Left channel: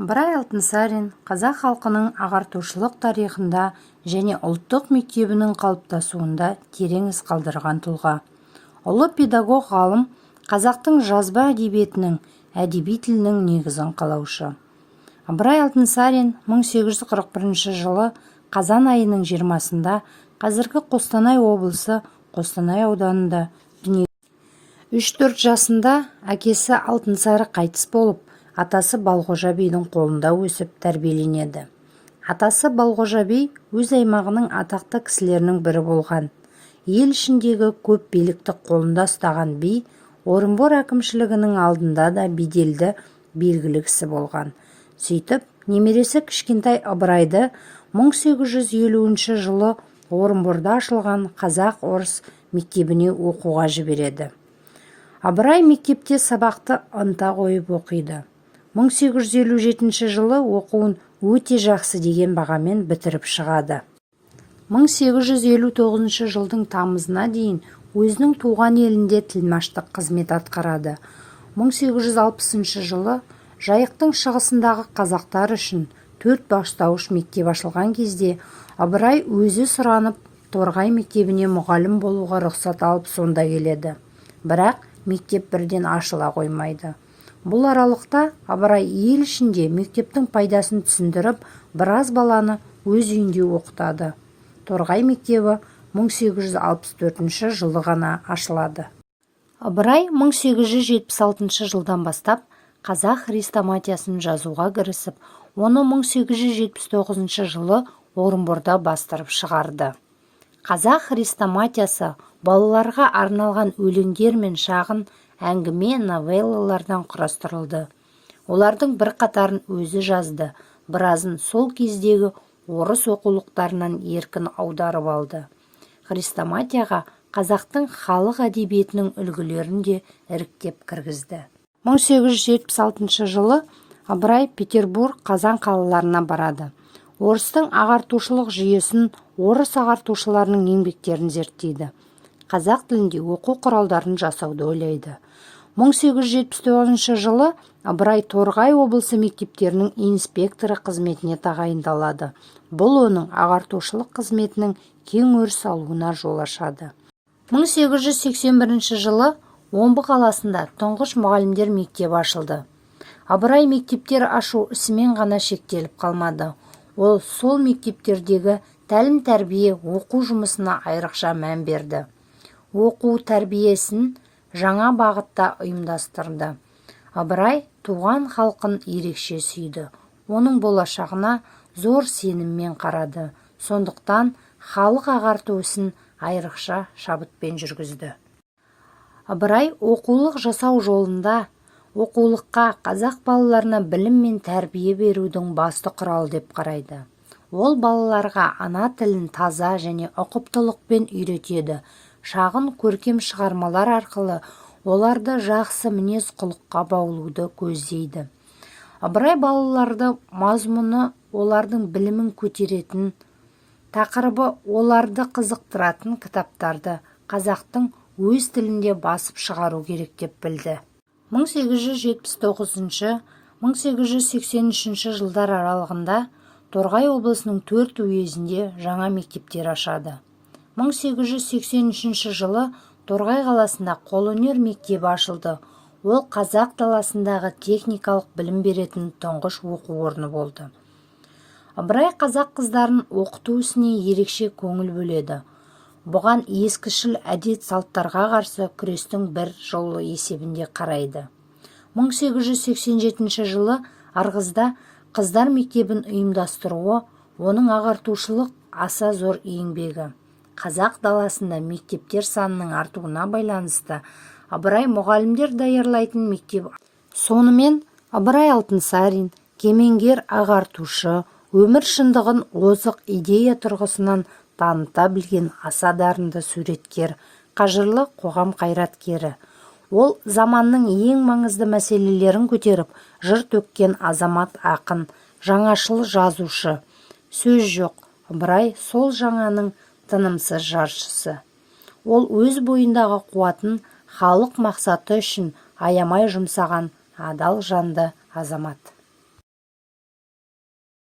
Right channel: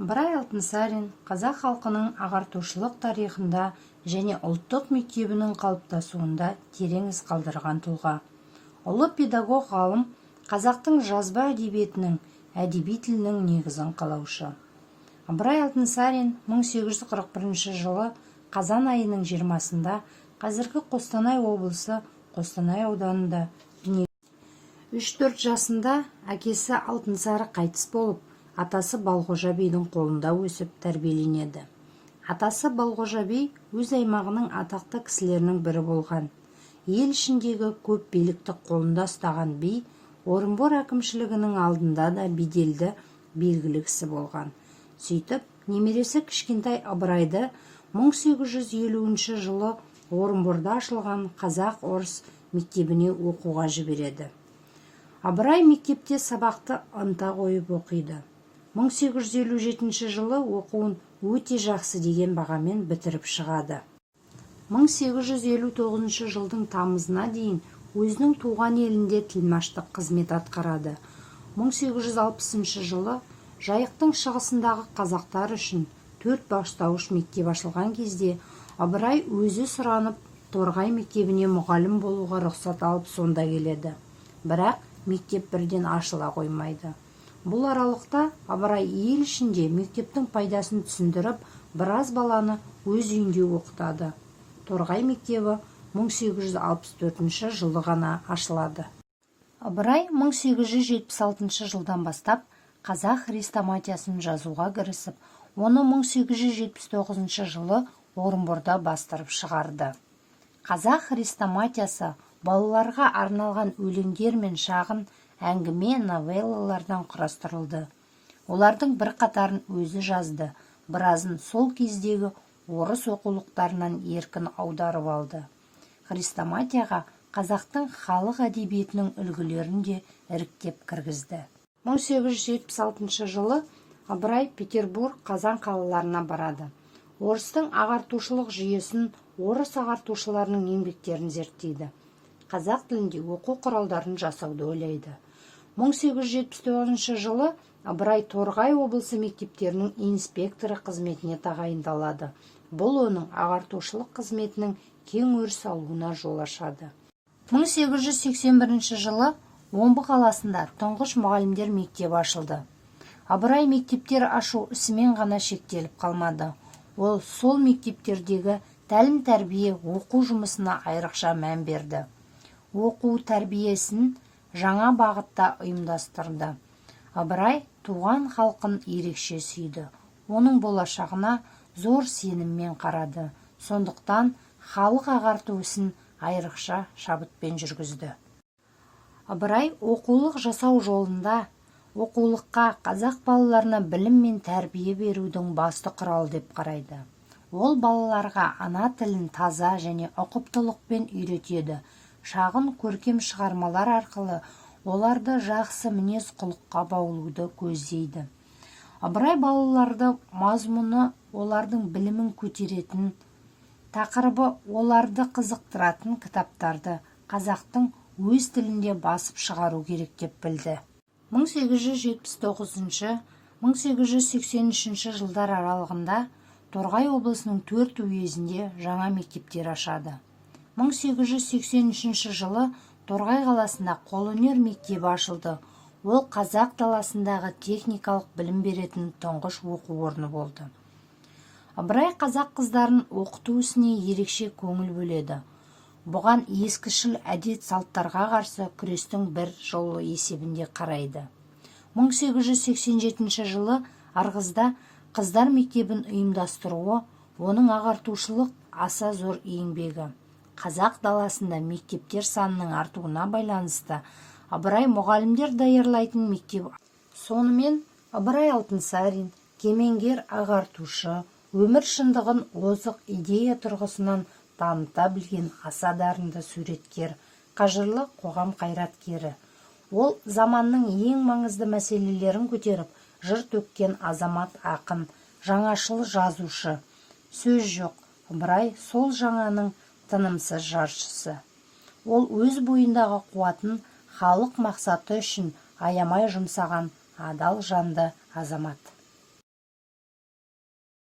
Ыбырай Алтынсарин қазақ халқының ағартушылық тарихында және ұлттық мектебінің қалыптасуында терең із қалдырған тұлға. Ұлы педагог ғалым қазақтың жазба әдебиетінің, әдеби тілінің негізін қалаушы. Ыбырай Алтынсарин 1841 жылы қазан айының 20-сында қазіргі Қостанай облысы Қостанай ауданында дүниеге 3-4 жасында әкесі Алтынсары қайтыс болып, атасы Балғожа бидің қолында өсіп тәрбиеленеді. Атасы Балғожа би өз аймағының атақты кісілерінің бірі болған. Ел ішіндегі көп билікті қолында ұстаған би, Орынбор әкімшілігінің алдында да беделді белгілі кісі болған. Сөйтіп, немересі кішкентай Ыбырайды 1850 жылы Орынборда ашылған қазақ-орыс мектебіне оқуға жібереді. Ыбырай мектепте сабақты ынта қойып оқиды. 1857 жылы оқуын өте жақсы деген бағамен бітіріп шығады. 1859 жылдың тамызына дейін өзінің туған елінде тілмаштық қызмет атқарады. 1860 жылы Жайықтың шығысындағы қазақтар үшін 4 бастауыш мектеп ашылған кезде Ыбырай өзі сұранып Торғай мектебіне мұғалім болуға рұқсат алып сонда келеді. Бірақ мектеп бірден ашыла қоймайды. Бұл аралықта Ыбырай ел ішінде мектептің пайдасын түсіндіріп, біраз баланы өз үйінде оқытады. Торғай мектебі 1864 жылы ғана ашылады. Ыбырай 1876 жылдан бастап қазақ хрестоматиясын жазуға кірісіп, оны 1879 жылы Орынборда бастырып шығарды. Қазақ хрестоматиясы балаларға арналған өлеңдер мен шағын әңгіме новеллалардан құрастырылды. Олардың бір қатарын өзі жазды, біразын сол кездегі орыс оқулықтарынан еркін аударып алды. Хрестоматияға қазақтың халық әдебиетінің үлгілерін де іріктеп кіргізді. 1876 жылы Ыбырай Петербург, Қазан қалаларына барады. Орыстың ағартушылық жүйесін, орыс ағартушыларының еңбектерін зерттейді. Қазақ тілінде оқу құралдарын жасауды ойлайды. 1879 жылы Ыбырай Торғай облысы мектептерінің инспекторы қызметіне тағайындалады. Бұл оның ағартушылық қызметінің кең өріс алуына жол ашады. 1881 жылы Омбы қаласында тұңғыш мұғалімдер мектебі ашылды. Ыбырай мектептер ашу ісімен ғана шектеліп қалмады. Ол сол мектептердегі тәлім-тәрбие оқу жұмысына айрықша мән берді. Оқу тәрбиесін жаңа бағытта ұйымдастырды. Ыбырай туған халқын ерекше сүйді. Оның болашағына зор сеніммен қарады. Сондықтан халық ағарту ісін айрықша шабытпен жүргізді. Ыбырай оқулық жасау жолында оқулыққа қазақ балаларына білім мен тәрбие берудің басты құралы деп қарайды. Ол балаларға ана тілін таза және ұқыптылықпен үйретеді. Шағын көркем шығармалар арқылы оларды жақсы мінез құлыққа баулуды көздейді. Ыбырай балаларды мазмұны олардың білімін көтеретін, тақырыбы оларды қызықтыратын кітаптарды қазақтың өз тілінде басып шығару керек деп білді. 1879-1883 жылдар аралығында Торғай облысының 4 уезінде жаңа мектептер ашады. 1883 жылы Торғай қаласында қолөнер мектебі ашылды. Ол қазақ даласындағы техникалық білім беретін тұңғыш оқу орны болды. Ыбырай қазақ қыздарын оқыту ісіне ерекше көңіл бөледі. Бұған ескішіл әдет салттарға қарсы күрестің бір жолы есебінде қарайды. 1887 жылы Ырғызда қыздар мектебін ұйымдастыруы оның ағартушылық аса зор еңбегі. Қазақ даласында мектептер санының артуына байланысты Ыбырай мұғалімдер даярлайтын мектеп. Сонымен Ыбырай Алтынсарин кемеңгер ағартушы, өмір шындығын озық идея тұрғысынан таныта білген аса дарынды суреткер, қажырлы қоғам қайраткері. Ол заманның ең маңызды мәселелерін көтеріп, жыр төккен азамат ақын, жаңашыл жазушы. Сөз жоқ, Ыбырай сол жаңаның тынымсыз жаршысы. Ол өз бойындағы қуатын халық мақсаты үшін аямай жұмсаған адал жанды азамат.